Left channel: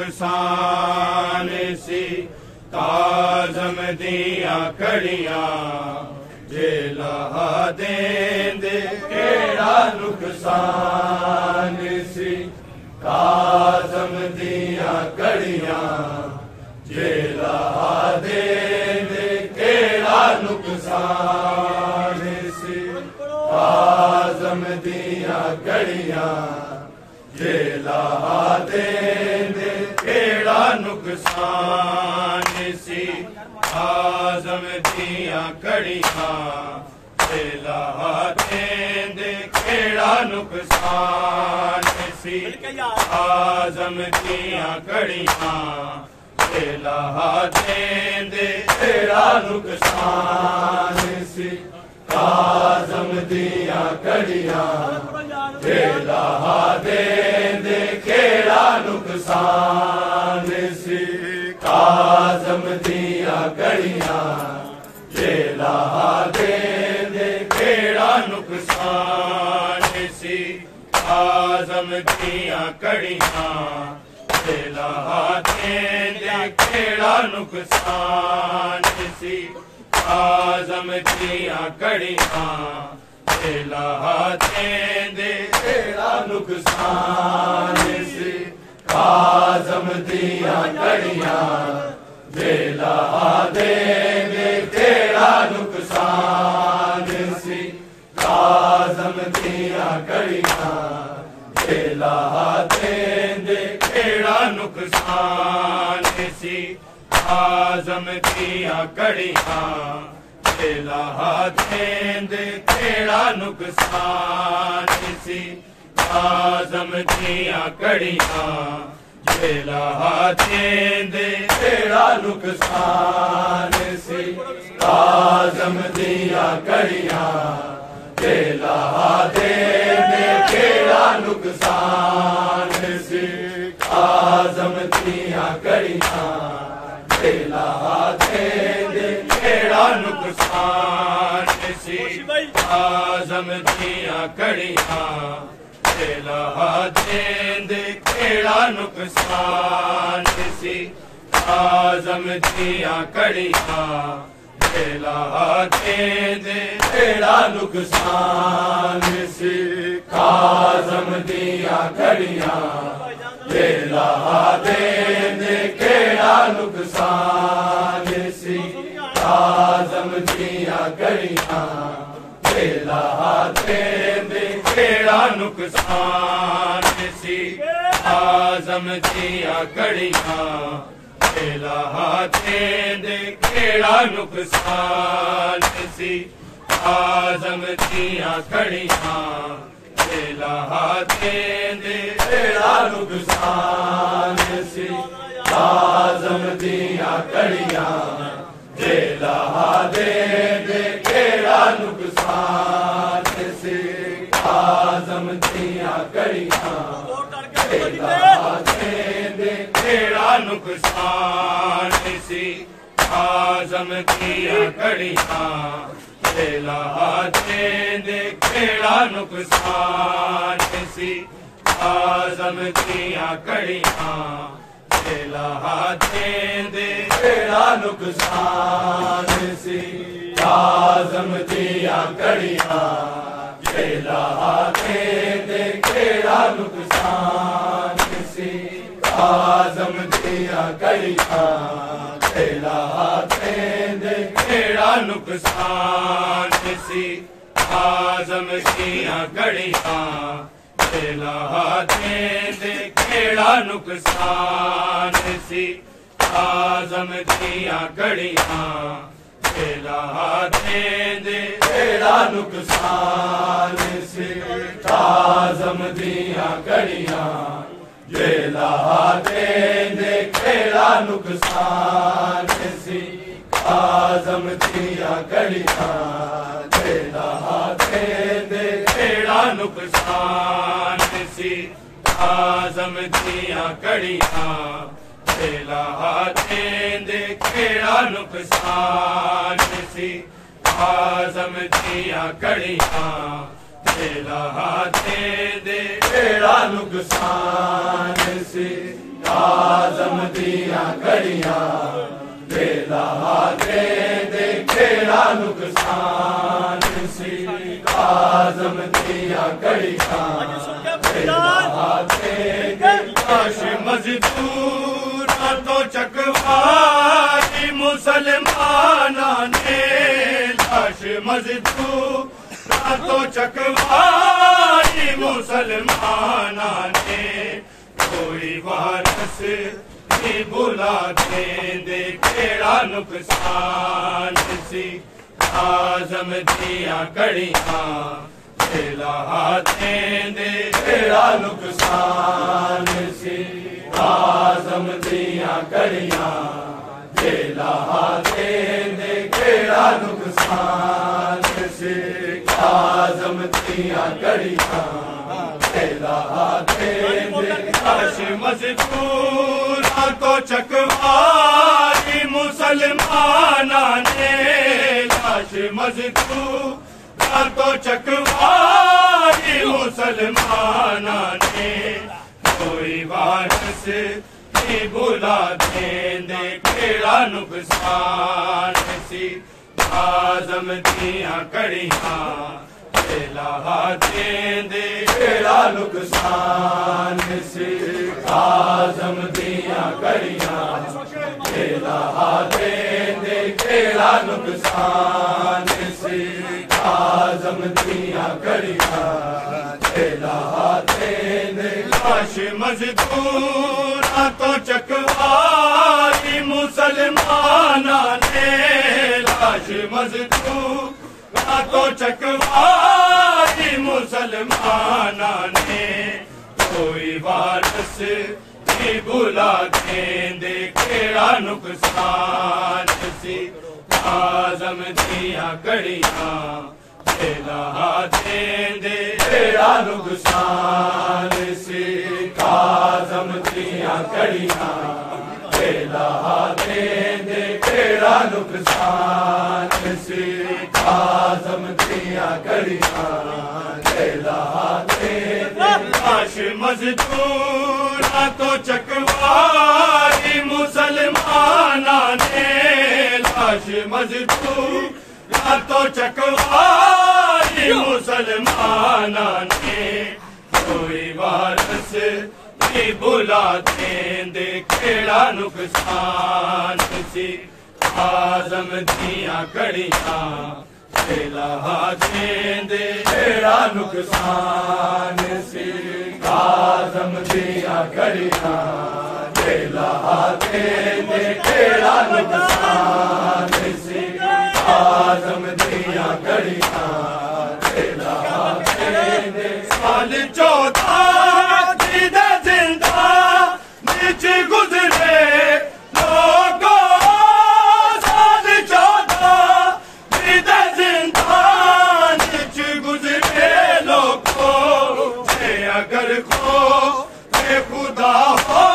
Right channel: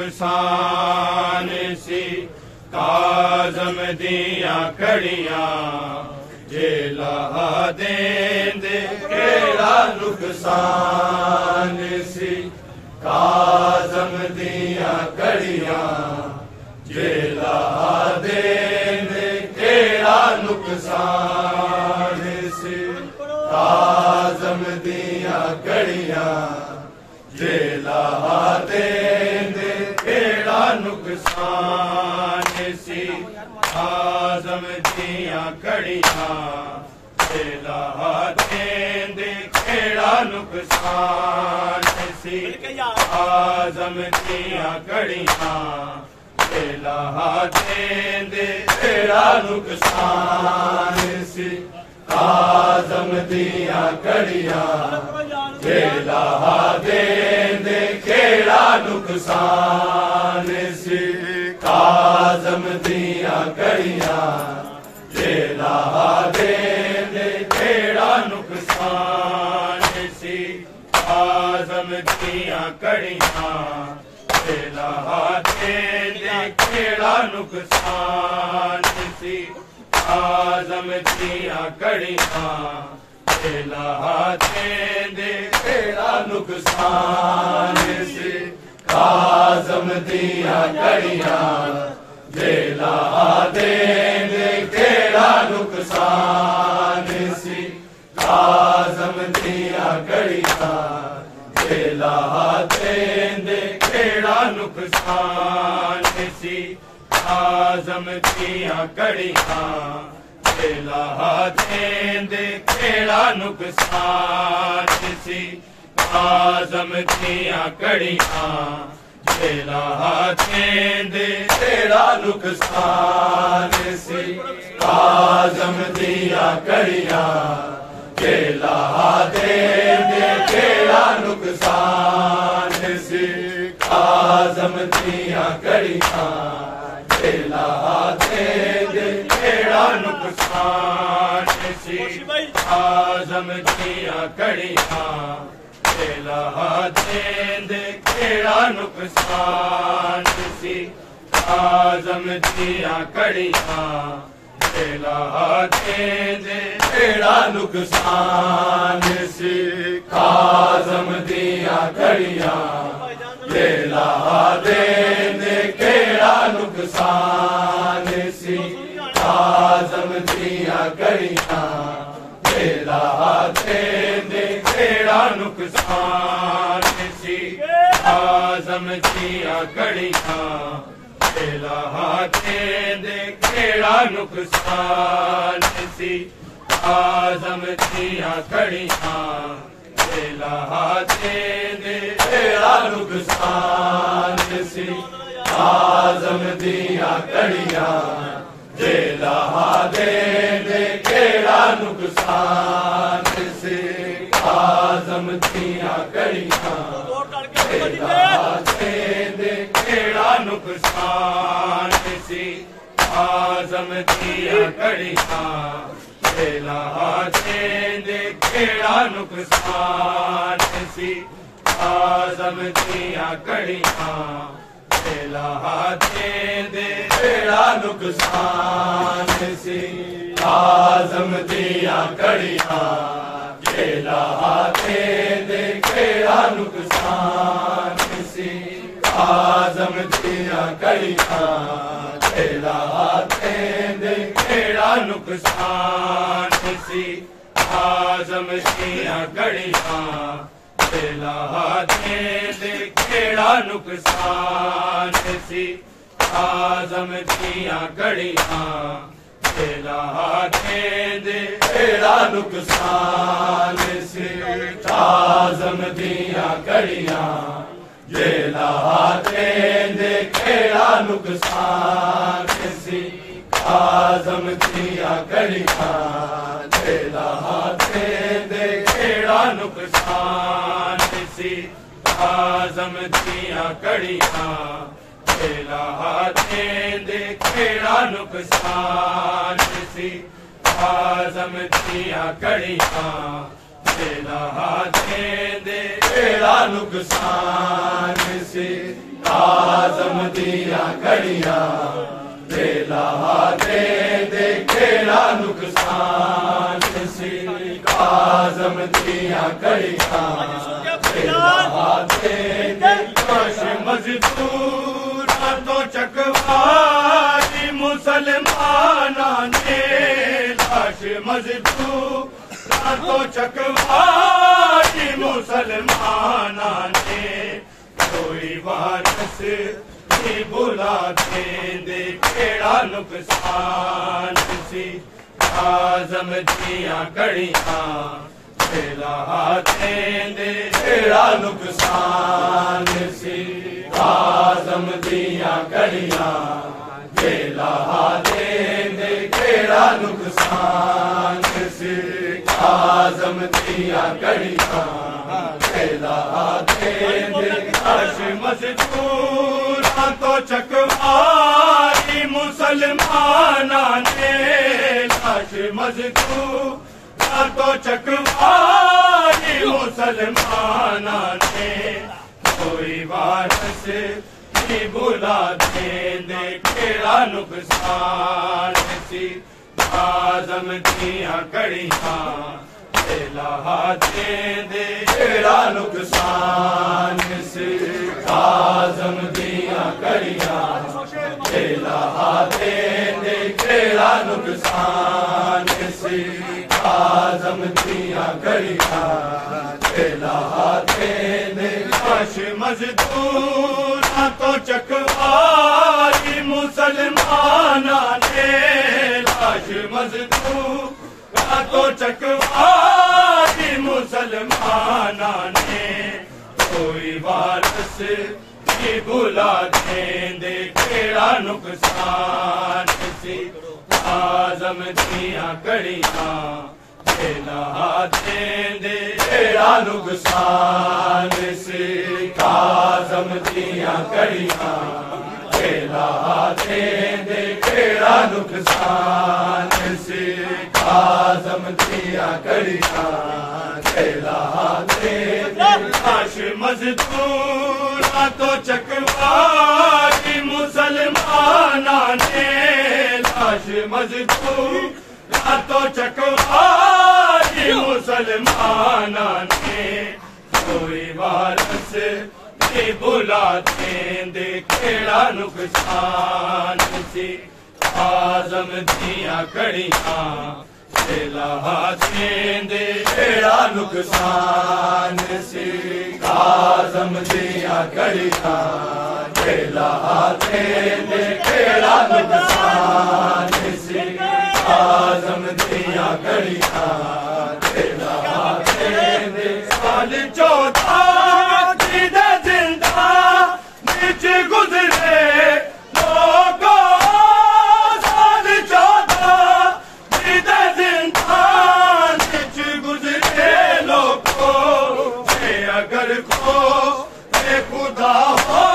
नुकसान सी काज़म दिया कड़ियां जेला देंद केड़ा नुकसान सी काज़म दिया कड़ियां जेला देंद केड़ा नुकसान सी काज़म दिया कड़ियां जेला देंद केड़ा नुकसान सी काज़म दिया कड़ियां जेला देंद केड़ा नुकसान सी काज़म दिया कड़ियां जेला देंद केड़ा नुकसान सी काज़म दिया कड़ियां जेला देंदे केड़ा नुकसान सी काज़म दिया कड़ियां जेला देंदे केड़ा नुकसान सी काज़म दिया कड़ियां जेला देंदे केड़ा नुकसान सी काज़म दिया कड़ियां जेला देंदे केड़ा नुकसान सी काज़म दिया कड़ियां जेला देंदे केड़ा नुकसान सी काज़म दिया कड़ियां जेला देंदे केड़ा नुकसान सी काज़म दिया कड़ियां जेला देंदे केड़ा नुकसान सी काज़म दिया कड़ियां जेला देंदे केड़ा नुकसान सी काज़म दिया कड़ियां जेला देंदे केड़ा नुकसान सी काज़म दिया कड़ियां जेला देंदे केड़ा नुकसान सी काज़म दिया कड़ियां जेला देंदे केड़ा नुकसान सी काज़म दिया कड़ियां जेला देंदे केड़ा नुकसान सी काज़म दिया कड़ियां जेला देंदे केड़ा नुकसान सी काज़म दिया कड़ियां जेला देंदे केड़ा नुकसान सी काज़म दिया कड़ियां जेला देंदे केड़ा नुकसान सी काज़म दिया कड़ियां जेला देंदे केड़ा नुकसान सी काज़म दिया कड़ियां जेला देंदे केड़ा नुकसान सी काज़म दिया कड़ियां जेला देंदे केड़ा नुकसान सी काज़म दिया कड़ियां जेला देंदे केड़ा नुकसान सी काज़म दिया कड़ियां जेला देंदे केड़ा नुकसान सी काज़म दिया कड़ियां जेला देंदे केड़ा नुकसान सी काज़म दिया कड़ियां जेला देंदे केड़ा नुकसान सी काज़म दिया कड़ियां जेला देंदे केड़ा नुकसान सी काज़म दिया कड़ियां जेला देंदे केड़ा नुकसान सी काज़म दिया कड़ियां जेला देंदे केड़ा नुकसान सी काज़म दिया कड़ियां जेला देंदे केड़ा नुकसान सी काज़म दिया कड़ियां जेला देंदे केड़ा नुकसान सी काज़म दिया कड़ियां जेला देंदे केड़ा नुकसान सी काज़म दिया कड़ियां जेला देंदे केड़ा नुकसान सी काज़म दिया कड़ियां जेला देंदे मज़दूर तो चकवारी मुसलमाना ने लाश मज़दूर तो चकवारी मुसलमाना ने कोई वारस नहीं बुला देंदे केड़ा नुकसान सी काज़म दिया कड़ियां जेला देंदे केड़ा नुकसान सी काज़म दिया कड़ियां जेला देंदे केड़ा नुकसान सिख आज़म दियां कड़ियां खेला दे लाश मज़दूरां तो चकवाई मुसलमानां ने लाश मज़दूरां तो चकवाई मुसलमानां ने कोई वारस नहीं बुला देंदे केड़ा नुकसान सी आज़म दियां कड़ियां खेला देंदे केड़ा नुकसान सिख आज़म दियां कड़ियां खेला देंदे केड़ा नुकसान सिख आज़म दियां कड़ियां खेला देंदे लाश मज़दूरां तो चकवाई मुसलमानां ने लाश मज़दूरां तो चकवाई मुसलमानां ने कोई वारस नहीं बुला देंदे केड़ा नुकसान सी आज़म दियां कड़ियां खेला देंदे केड़ा नुकसान सिख आज़म दियां कड़ियां खेला देंदे केड़ा नुकसान सिख आज़म दियां कड़ियां खेला देंदे लाश मज़दूरां तो चकवाई मुसलमानां ने लाश मज़दूरां तो चकवाई मुसलमानां ने कोई वारस नहीं बुला देंदे केड़ा नुकसान सी आज़म दियां कड़ियां खेला देंदे केड़ा नुकसान सिख आज़म दियां कड़ियां खेला देंदे केड़ा नुकसान सिख आज़म दियां कड़ियां खेला देंदे साल 14 दे जिंदा बिच गुज़रे लोगों साल 14 दे जिंदा बिच गुज़रे लोगों अगर खो खुदा हो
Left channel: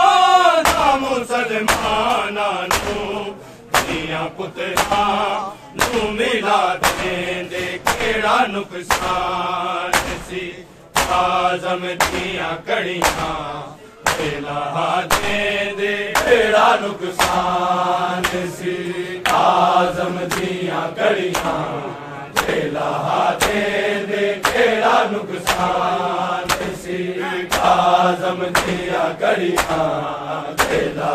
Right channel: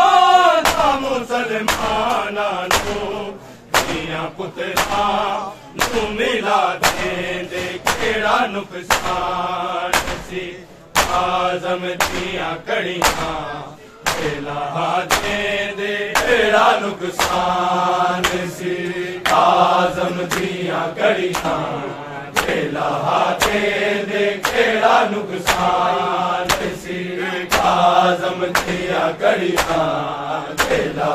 मुसलमानां दियां पुत्रां नूं मिला देंदे केड़ा नुकसान सी आज़म दियां कड़ियां खेला देंदे केड़ा नुकसान सी आज़म दियां कड़ियां खेला देंदे केड़ा नुकसान सी आज़म दियां कड़ियां खेला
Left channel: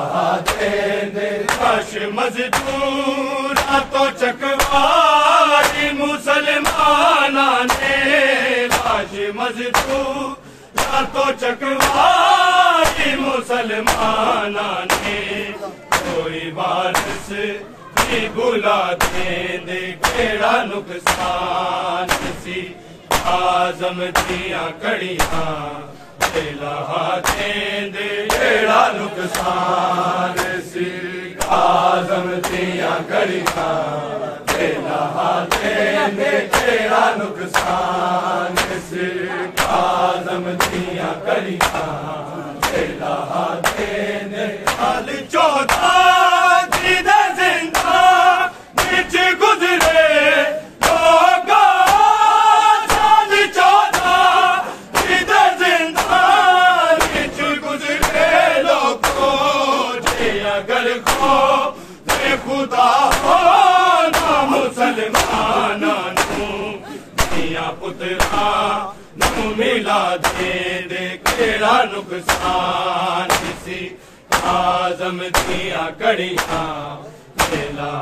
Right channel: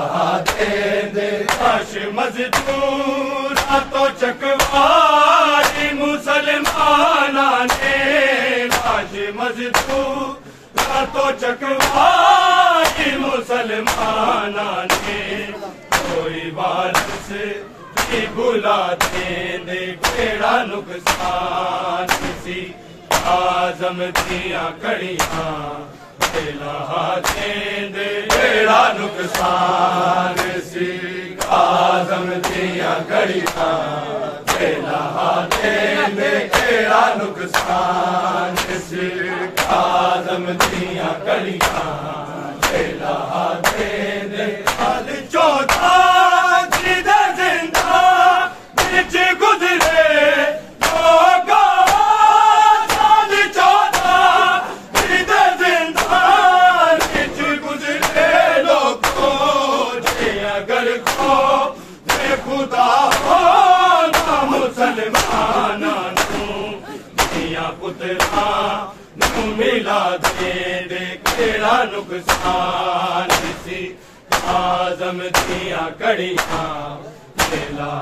देंदे लाश मज़दूरां तो चकवाई मुसलमानां ने लाश मज़दूरां तो चकवाई मुसलमानां ने कोई वारस नहीं बुला देंदे केड़ा नुकसान सी आज़म दियां कड़ियां खेला देंदे केड़ा नुकसान सिख आज़म दियां कड़ियां खेला देंदे केड़ा नुकसान सिख आज़म दियां कड़ियां खेला देंदे साल 14 दे जिंदा बिच गुज़रे लोगों साल 14 दे जिंदा बिच गुज़रे लोगों अगर खो खुदा हो मुसलमानां दियां पुत्रां नूं मिला देंदे केड़ा नुकसान सी आज़म दियां कड़ियां खेला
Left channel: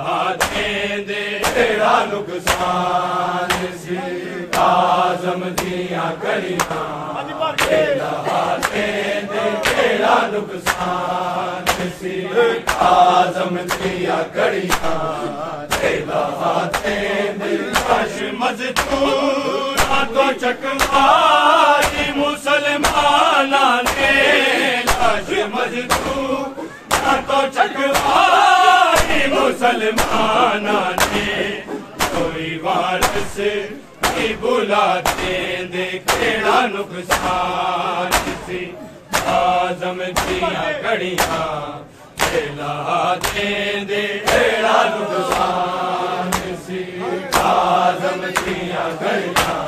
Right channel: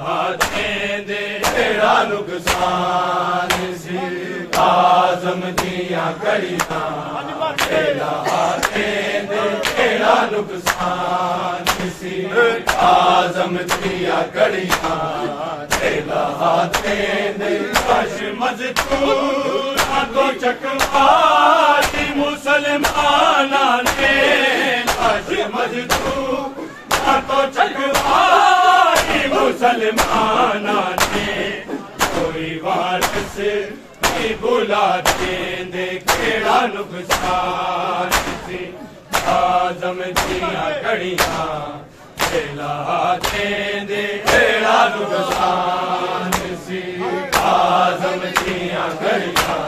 देंदे केड़ा नुकसान सी आज़म दियां कड़ियां खेला देंदे केड़ा नुकसान सी आज़म दियां कड़ियां खेला देंदे लाश मज़दूरां तो चकवाई मुसलमानां ने लाश मज़दूरां तो चकवाई मुसलमानां ने कोई वारिस नहीं बुला देंदे केड़ा नुकसान सी आज़म दिया घड़ियां खेला देंदे केड़ा नुकसान सी आज़म दिया घड़ियां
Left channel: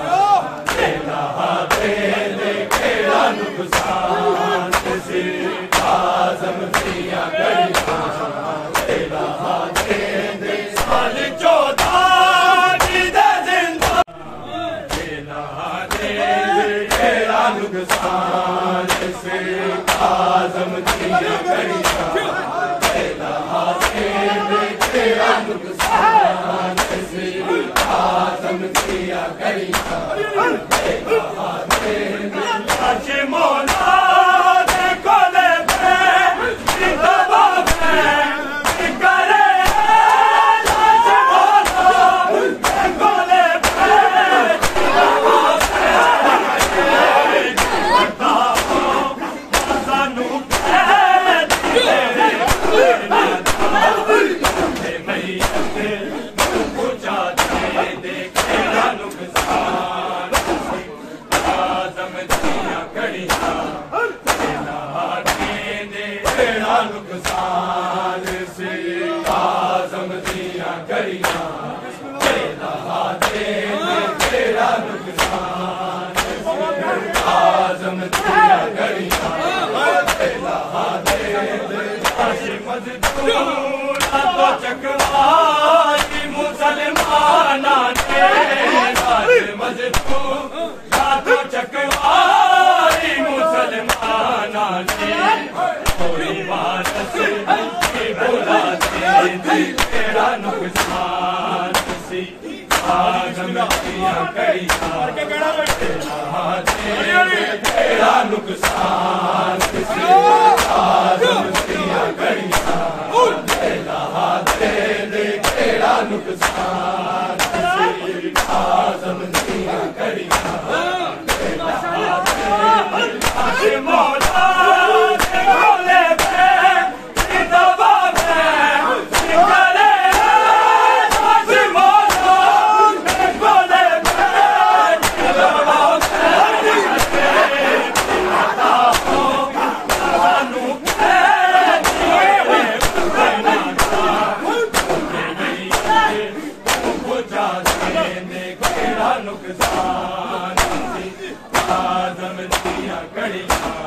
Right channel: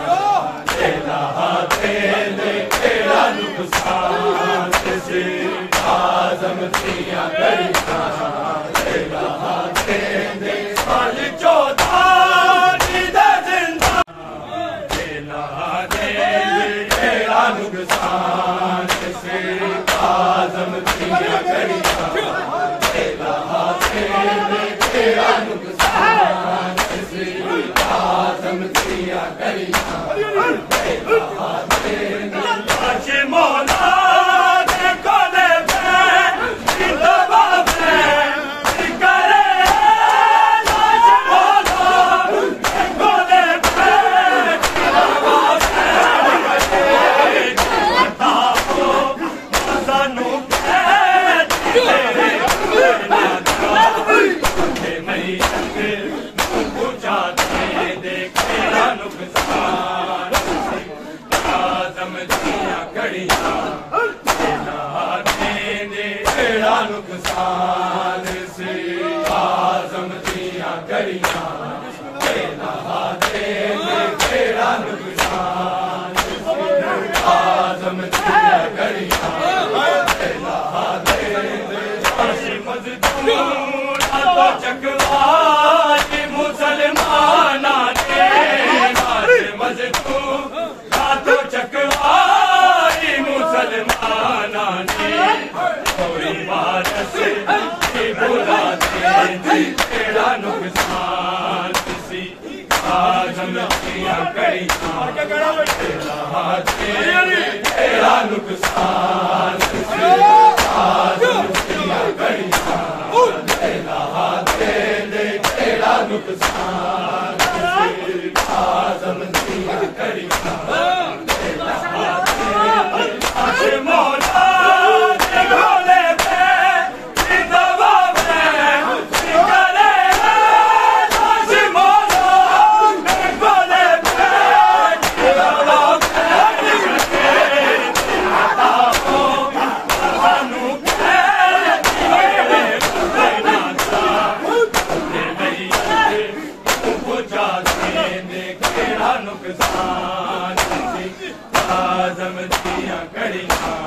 खेला देंदे केड़ा नुकसान सी आज़म दिया घड़ियां खेला देंदे साली 14 नुकसान से आज़म दिया घड़ियां खेला देंदे केड़ा नुकसान से आज़म दिया घड़ियां खेला देंदे आज मौला देखो ले नुकसान से आज़म दिया घड़ियां खेला देंदे केड़ा नुकसान से आज़म दिया घड़ियां खेला देंदे मजदूर चकवाई मुसलमाना के मजदूर चकवाई मुसलमाना ने कोई वारिस नहीं बुला देंदे केड़ा नुकसान सी आज़म दिया घड़ियां खेला देंदे केड़ा नुकसान सी आज़म दिया घड़ियां खेला देंदे केड़ा नुकसान सी आज़म दिया घड़ियां खेला देंदे मौला नुकसान आज़म दिया घड़ियां